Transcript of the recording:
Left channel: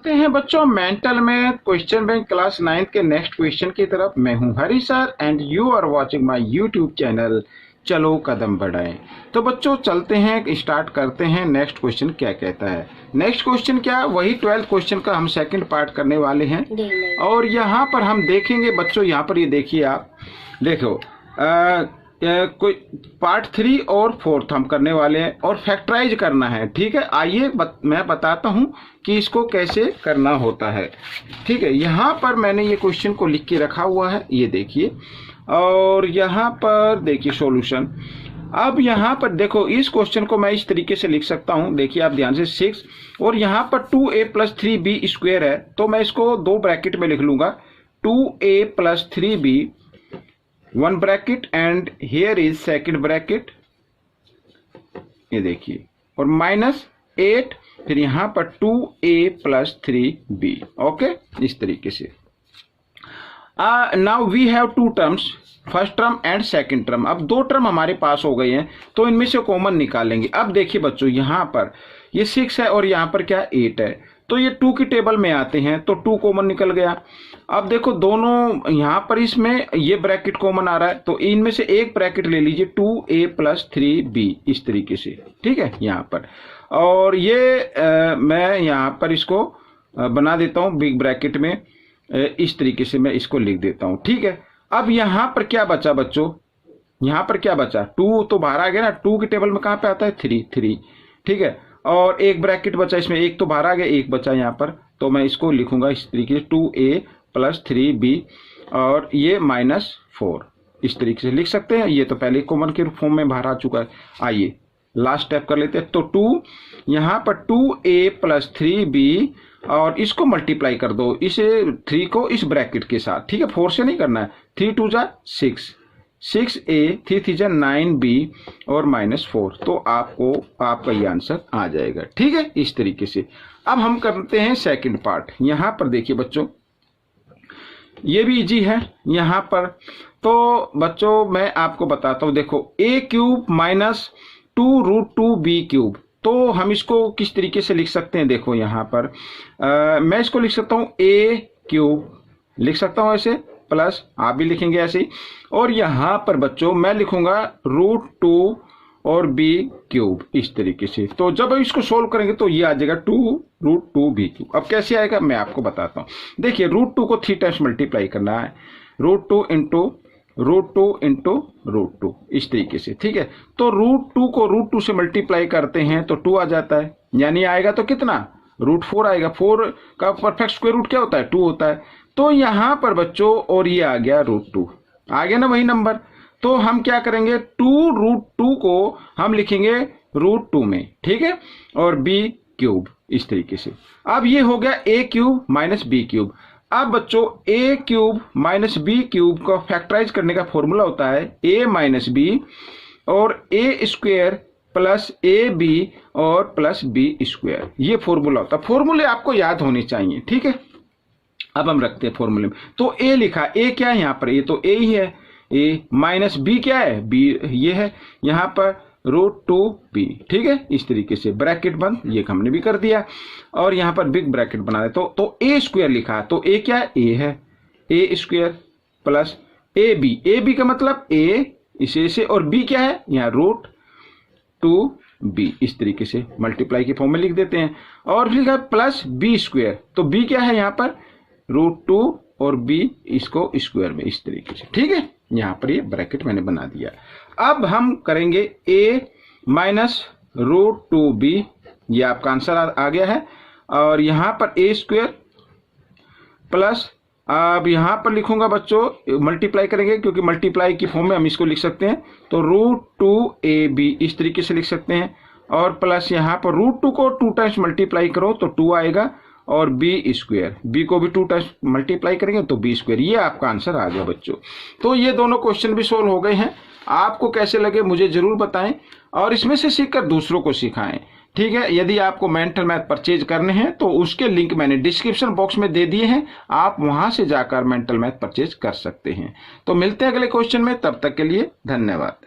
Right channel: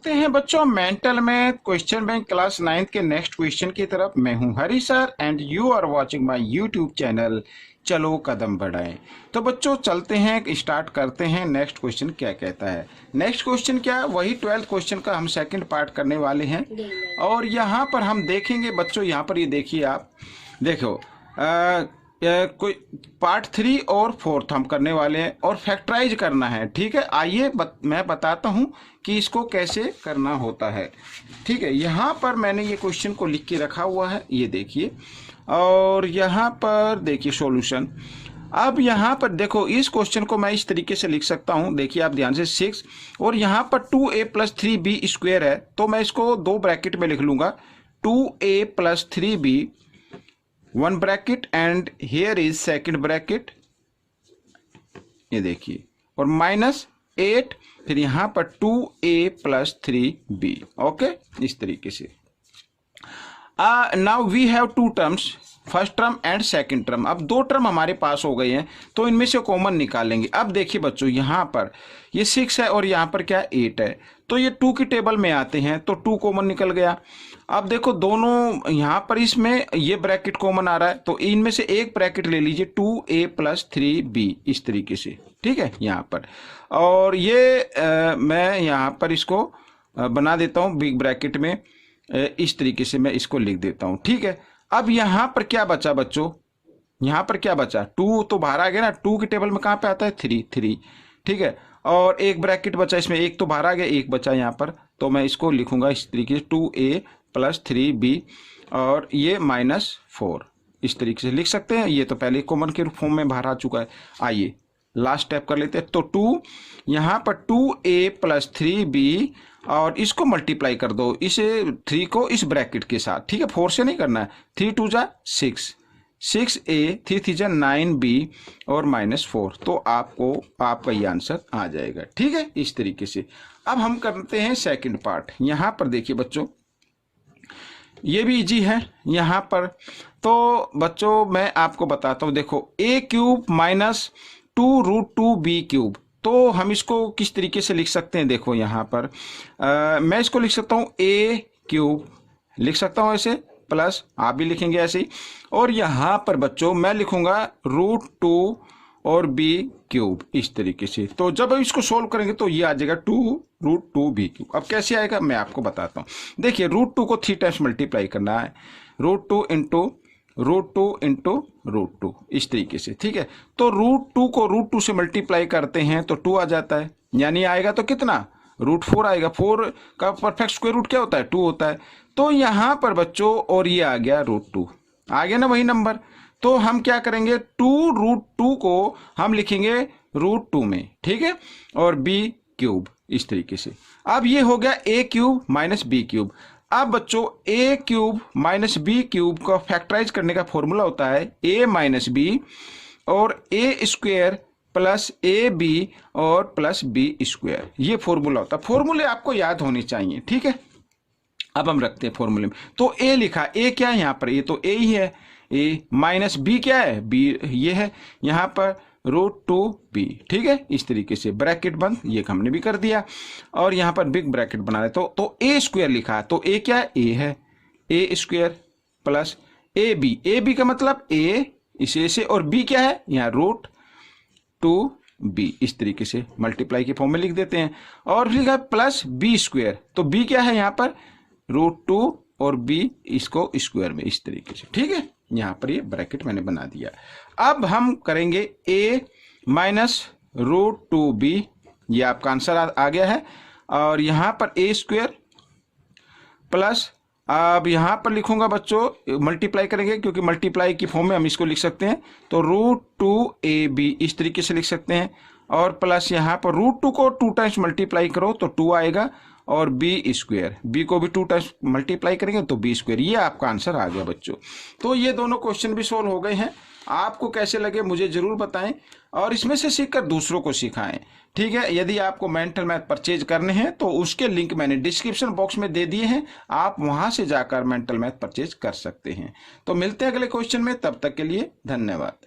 चलते हैं बच्चों मेंटल में क्वेश्चन बैंक क्लास 9 के नेक्स्ट क्वेश्चन की तरफ। मैं हूं Hari sir and you are watching my YouTube channel चलो कदम बढ़ाएं। तो बच्चों चलते हैं, स्टार्ट करते हैं। नेक्स्ट क्वेश्चन क्या कहता है? नेक्स्ट क्वेश्चन क्या है? वही 12th क्वेश्चन का हम सेकंड पार्ट करने वाले हैं। और यहाँ पर हम देखेंगे बच्चों, यहाँ पर ये देखिए, आप देखो कोई पार्ट 3 और 4 हम करने वाले हैं और फैक्टराइज करना है। ठीक है, आइए मैं बताता हूँ कि इसको कैसे करना होता है। ठीक है, यहाँ पर मैंने ये क्वेश्चन को लिख के रखा हुआ है, ये देखिए। और यहाँ पर देखिए सॉल्यूशन। अब यहाँ पर देखो, इस क्वेश्चन को मैं इस तरीके से लिख सकता हूँ, देखिए आप ध्यान से। 6 और यहाँ पर 2a + 3b स्क्वायर है, तो मैं इसको 2 ब्रैकेट में लिख लूंगा। 2a + 3b 1 bracket and here is second bracket, ये देखिए, और -8, फिर यहां पर 2a + 3b। ओके, इस तरीके से। Now we have 2 terms, first term and second term. अब 2 टर्म हमारे पास हो गए हैं, तो इनमें से कॉमन निकालेंगे। अब देखिए बच्चों, यहां पर ये 6 है और यहां पर क्या 8 है, तो ये 2 की टेबल में आते हैं, तो 2 कॉमन निकल गया। अब देखो दोनों यहाँ पर इसमें ये ब्रैकेट कॉमन आ रहा है, तो इनमें से एक ब्रैकेट ले लीजिए, 2a + 3b, इस तरीके से। ठीक है, यहाँ पर। और ये मैं यहाँ पर इसको बना देता हूँ बिग ब्रैकेट में, इस तरीके से मैं इसको लिख देता हूँ। ठीक है, अब यहाँ पर क्या बचा बच्चों? यहाँ पर क्या बचा? 2 तो बाहर आ गया ना, 2 की टेबल में कहाँ पे आता है? 3। ठीक है, और एक ब्रैकेट बचा इसमें, एक तो बाहर आ गया, एक बचा यहाँ पर, तो मैं इसको लिखूंगा इस तरीके से, 2a + 3b और ये -4, इस तरीके से लिख सकते हैं। ये तो पहले कॉमन के फॉर्म में बाहर आ चुका है। आइए लास्ट स्टेप कर लेते हैं। तो 2 यहाँ पर 2a + 3b और इसको मल्टीप्लाई कर दो, इसे 3 को इस ब्रैकेट के साथ। ठीक है, 4 से नहीं करना है। 3 × 2 = 6, 6a, 3 × 3 = 9b और -4, तो आपको आपका ये आंसर आ जाएगा। ठीक है, इस तरीके से। अब हम करते हैं सेकंड पार्ट। यहाँ पर देखिए बच्चों, ये भी इजी है यहाँ पर। तो बच्चों मैं आपको बताता हूँ, देखो a³ - 2√2b³, तो हम इसको किस तरीके से लिख सकते हैं? देखो यहाँ पर मैं इसको लिख सकता हूँ a³ लिख सकता हूँ ऐसे, प्लस आप भी लिखेंगे ऐसे ही। और यहाँ पर बच्चों मैं लिखूंगा √2 और b³, इस तरीके से। तो जब इसको सोल्व करेंगे तो ये आ जाएगा 2√2b³। अब कैसे आएगा मैं आपको बताता हूँ। देखिए √2 को 3 टाइम्स मल्टीप्लाई करना है, √2 × √2 × √2, इस तरीके से। ठीक है, तो √2 को √2 से मल्टीप्लाई करते हैं तो 2 आ जाता है, यानी आएगा तो कितना? √4 आएगा। 4 का परफेक्ट स्क्वायर रूट क्या होता है? 2 होता है। तो यहाँ पर बच्चों, और ये आ गया √2, आ गया ना वही नंबर। तो हम क्या करेंगे, 2√2 को हम लिखेंगे √2 में। ठीक है, और b³, इस तरीके से। अब ये हो गया a³ - b³। अब बच्चों a³ - b³ का फैक्टराइज करने का फॉर्मूला होता है a - b और a² + ab और +b², ये फॉर्मूला होता है। फॉर्मूले आपको याद होने चाहिए। ठीक है, अब हम रखते हैं फॉर्मूले में। तो a लिखा, a क्या है यहाँ पर? ये तो a ही है। a - b क्या है? b ये है, यहाँ पर √2b। ठीक है, इस तरीके से ब्रैकेट बंद, ये हमने भी कर दिया। और यहाँ पर बिग ब्रैकेट बना दे, तो a² लिखा, तो a क्या है? a है, a² + ab का मतलब a, इसे से, और b क्या है? यहाँ √2b, इस तरीके से मल्टीप्लाई के फॉर्म में लिख देते हैं। और लिखा +b², तो b क्या है यहाँ पर? √2 और b इसको स्क्वायर में, इस तरीके से। ठीक है, यहाँ पर ये ब्रैकेट मैंने बना दिया। अब हम करेंगे a - √2b, ये आपका आंसर आ गया है। और यहाँ पर a² प्लस, अब यहाँ पर लिखूंगा बच्चों, मल्टीप्लाई करेंगे क्योंकि मल्टीप्लाई की फॉर्म में हम इसको लिख सकते हैं, तो √2ab इस तरीके से लिख सकते हैं। और प्लस यहाँ पर √2 को 2 टाइम्स मल्टीप्लाई करो तो 2 आएगा, और b², b को भी 2 टाइम्स मल्टीप्लाई करेंगे तो b², ये आपका आंसर आ गया बच्चों। तो ये दोनों क्वेश्चन भी सोल्व हो गए हैं। आपको कैसे लगे मुझे जरूर बताएं, और इसमें से सीखकर दूसरों को सिखाएं। ठीक है, यदि आपको मेंटल मैथ परचेज करने हैं तो उसके लिंक मैंने डिस्क्रिप्शन बॉक्स में दे दिए हैं, आप वहां से जाकर मेंटल मैथ परचेज कर सकते हैं। तो मिलते हैं अगले क्वेश्चन में, तब तक के लिए धन्यवाद।